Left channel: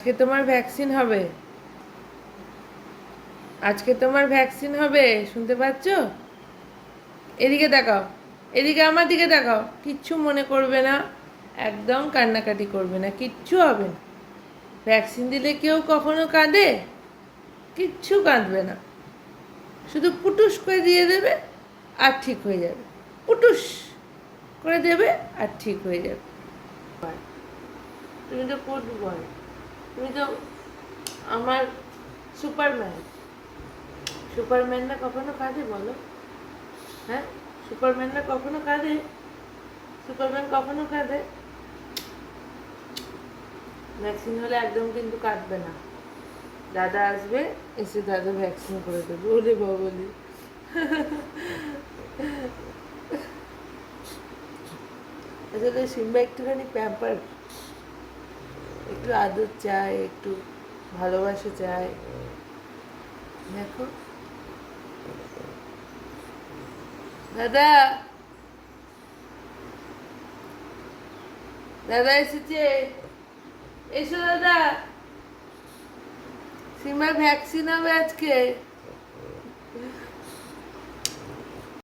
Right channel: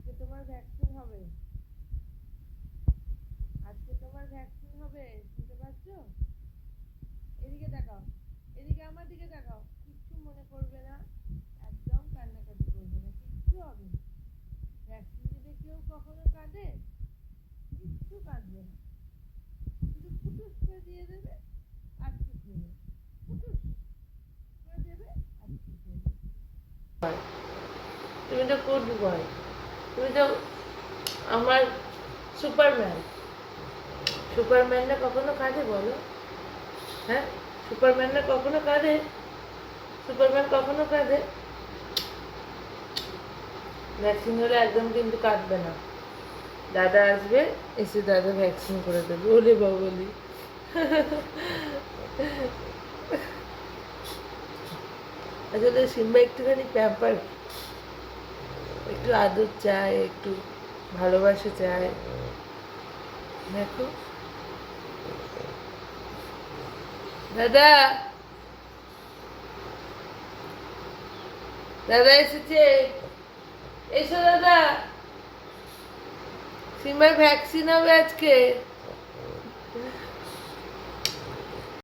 আজকে তোমার ভ্যাকসিন হবে। আজকে তোমার ভ্যাকসিন হবে, শুনতে পাচ্ছ? এদিকে দেখাও, এদিকে আমার দিকে দেখাও। কিচ্ছু মনে করবে না, একদম কান্নাকাটি করবে না, কিচ্ছু হবে না। ভ্যাকসিন দিলে কেউ কখনো কাঁদে? কিচ্ছু কাঁদবে না, শুধু পুটুস করে দিয়ে দেবে আর ঠিক হয়ে যাবে। পুটুস করে দেবে আর ঠিক হয়ে যাবে। তুমি তো গুড বয়, তুমি তো আমার সুপারম্যান। সুপারম্যানরা কখনো কাঁদে বলো? হ্যাঁ, সুপারম্যানরা কখনো কাঁদে? সুপারম্যান কখনো কাঁদে? ভ্যাকসিন হলে একদম কিন্তু কাঁদবে না। দাদা আসবে, এসে দাদা ভ্যাকসিন করে দেবে। ওলে বাবলি, আসলে সিম্বা একটুখানি প্যাম্পার, একটু আদর চায়, একটু ভালোবাসা চায়। দেখো দাদা, দাদা এসেছে, এসো দাদা। সিম্বার ভ্যাকসিন হবে আজকে।